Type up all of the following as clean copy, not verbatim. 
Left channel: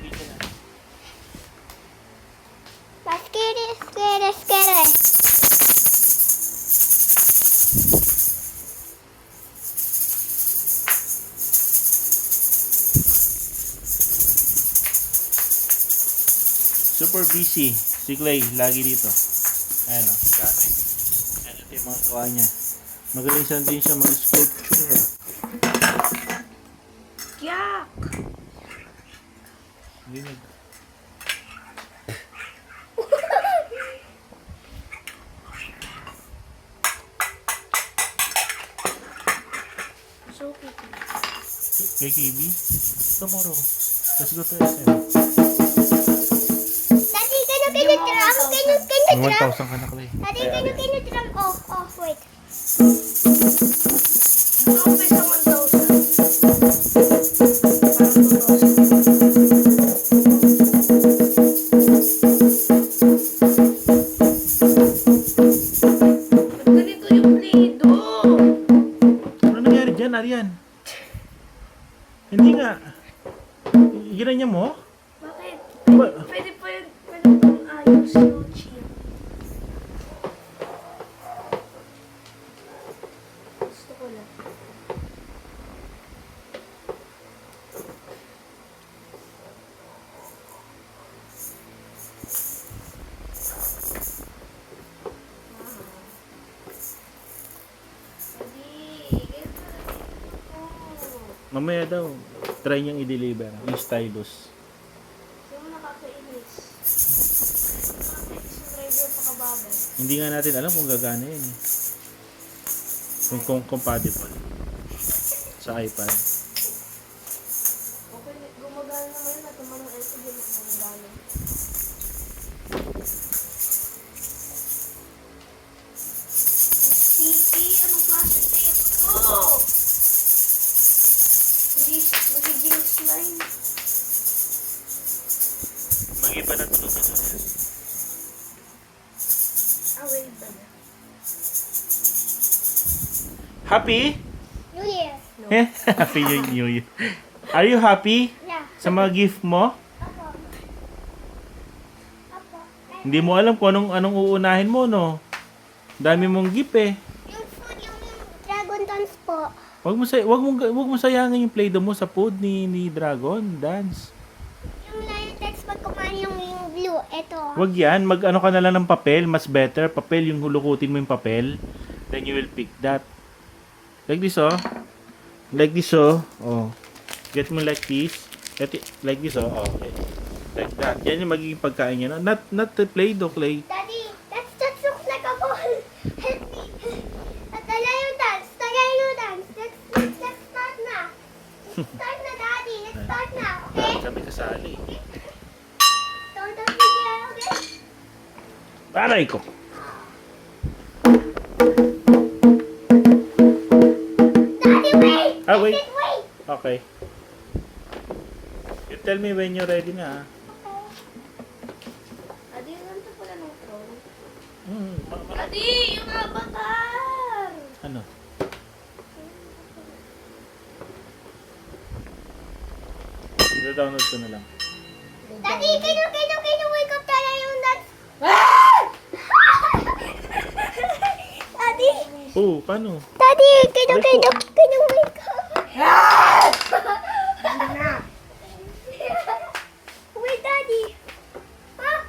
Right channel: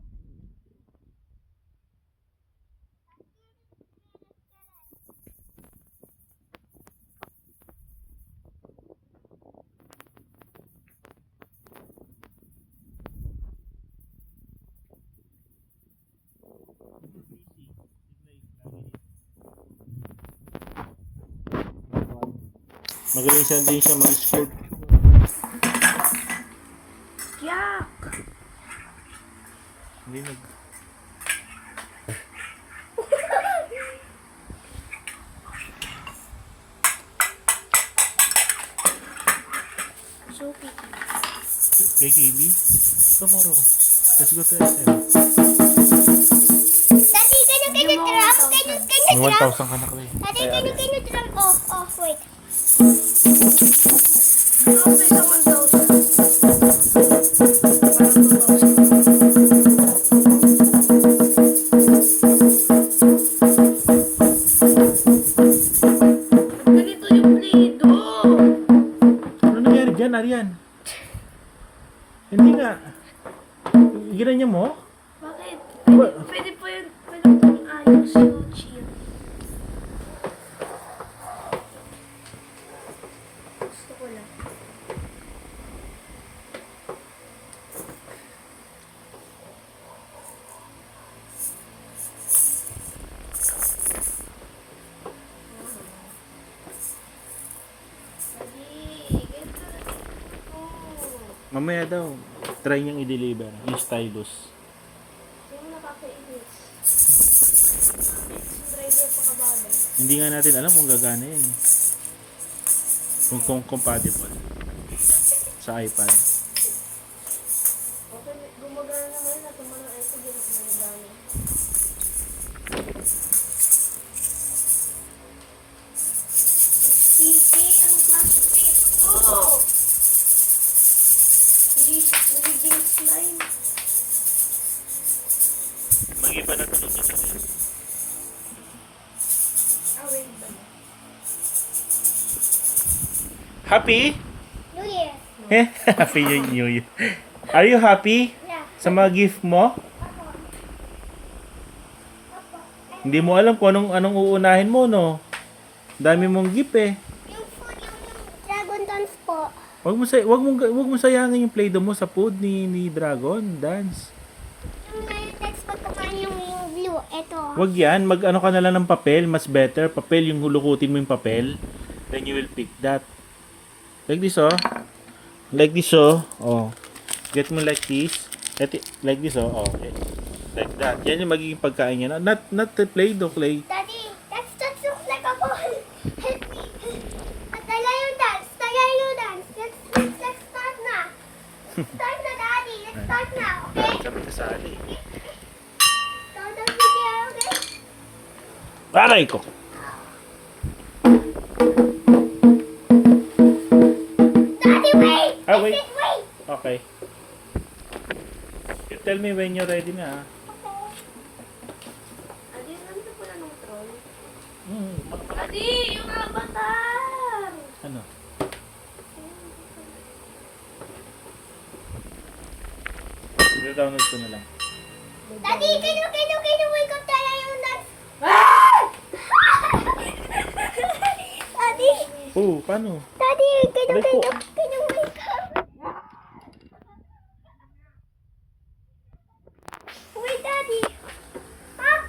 video na. Let's get it, let's get it. Super busy. Si Clay, lagi dito. Ayan o, dami. Ayan ito yung mga gawa niya. Magaling siya din siya mag-sculpture. Yak! Hindi nag... So pretty. KKB? Tomorrow. Let's go to SM. Daddy, can you drum? Can you May drum? 1,000 ka na, Clay. Daddy, can you drum? Oh, wait. Nakapay sa 1,000. Ganito yung Play-Doh. Ano nangyari dyan, Arian? Hindi nga. Ginanya mo? Bakit? Ba- Pwede pa yun. Pwede pang ayos yung chill. Gusto ko lang. Mamaya daw, try niyang i-deliver yung stylus. Yung nakakainis. Yung driver pa kababay. Hindi nga natin alam kung gagana yun eh. Kung compatible sa iPad. Okay, gumagana naman yun. Natuman ng iPad yun. Gumagana. Sticky, anong klase pa ito? Hindi magiging slime. Mag-iba na tulog na siya. Away ba niya? Happy? New Year. Eh, happy New Year. Are you happy Yeah. sa mga gift mo? Apo. Apo. Hindi mo alam kung anong uunahin mo, no? Dami mong gift eh. Yung food, yung Dragon Dance po. Wag mo sayangin yung Play-Doh mo sa food ni Dragon Dance. Yung text pag kumain yung blue, eto. Wag yan, mag-ano ka na lang ng papel, mas better. Papel, yung hulukutin mo yung papel. Then you will pick that. Like this, oh. Like this, oh. Oh. Get mo like this. Like this, oh. Okay. Like that. Yan yung magiging pagkain niya. Not the Play-Doh, Clay. Daddy, that looks like a ball. Help me. Tagay yung dance. Tagay yung dance. Let's start na. Start na, Daddy. Let's start na, okay? Dahil kami kasali. Don't video, okay? Aray ko! Daddy, wait! Ah, wait. I said wait! Okay. You tell me when you're ready na, ah. Adi, nandito pala ng troll. Hmm. Adi, yung avatar! Ano? I-download ko na lang. Daddy, can you wake up tayo yung dance? Daddy! Oh, paano? Daddy, can you wake up? Wait, Daddy. Huh?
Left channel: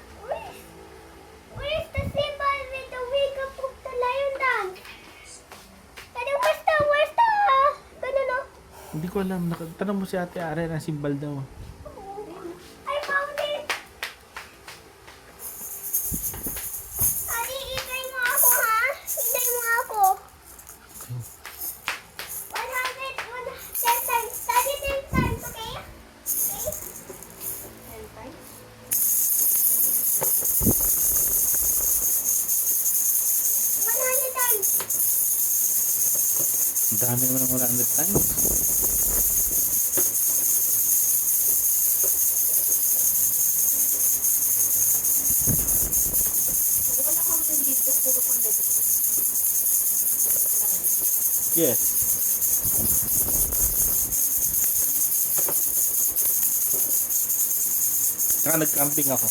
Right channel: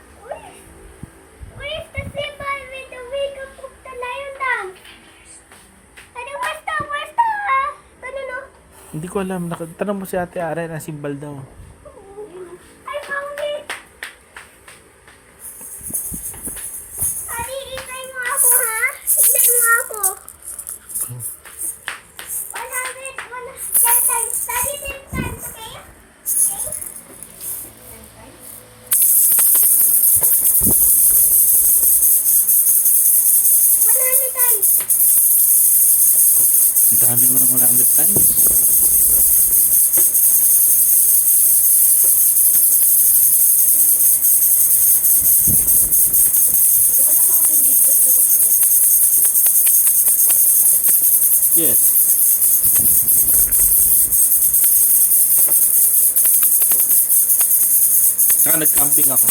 Where's the symbol with the wake up of the lion dance? Daddy, where's the, no? Hindi ko alam. Tanong mo si Ate Ara ang simbal daw. I found it. Daddy, itay mo ako, ha? Itay mo ako. 10 times. Daddy, 10 times, okay? Okay? 10 times? 100 times. Ang dami naman ng 100 times. Wala kang dito, puro kang dito. Yes. Tsaka nag-camping ako.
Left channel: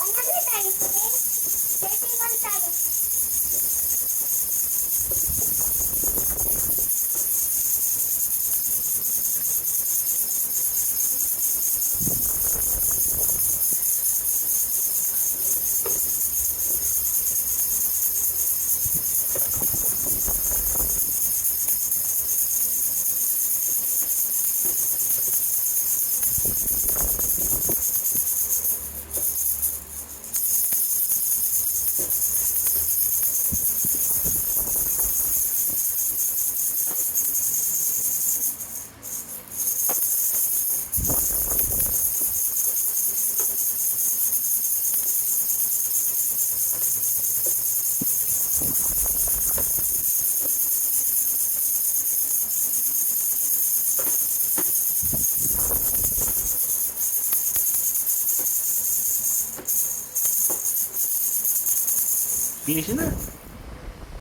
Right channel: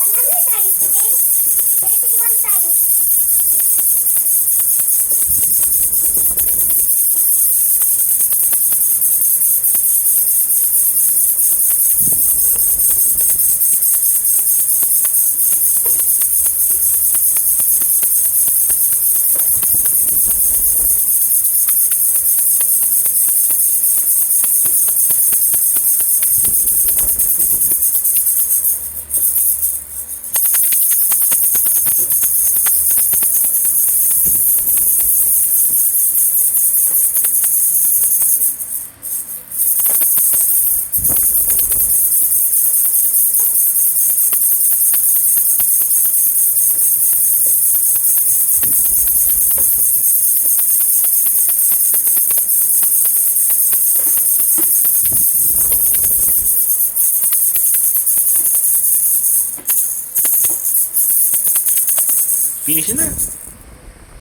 Ano tayo today? 31 tayo. Finish na.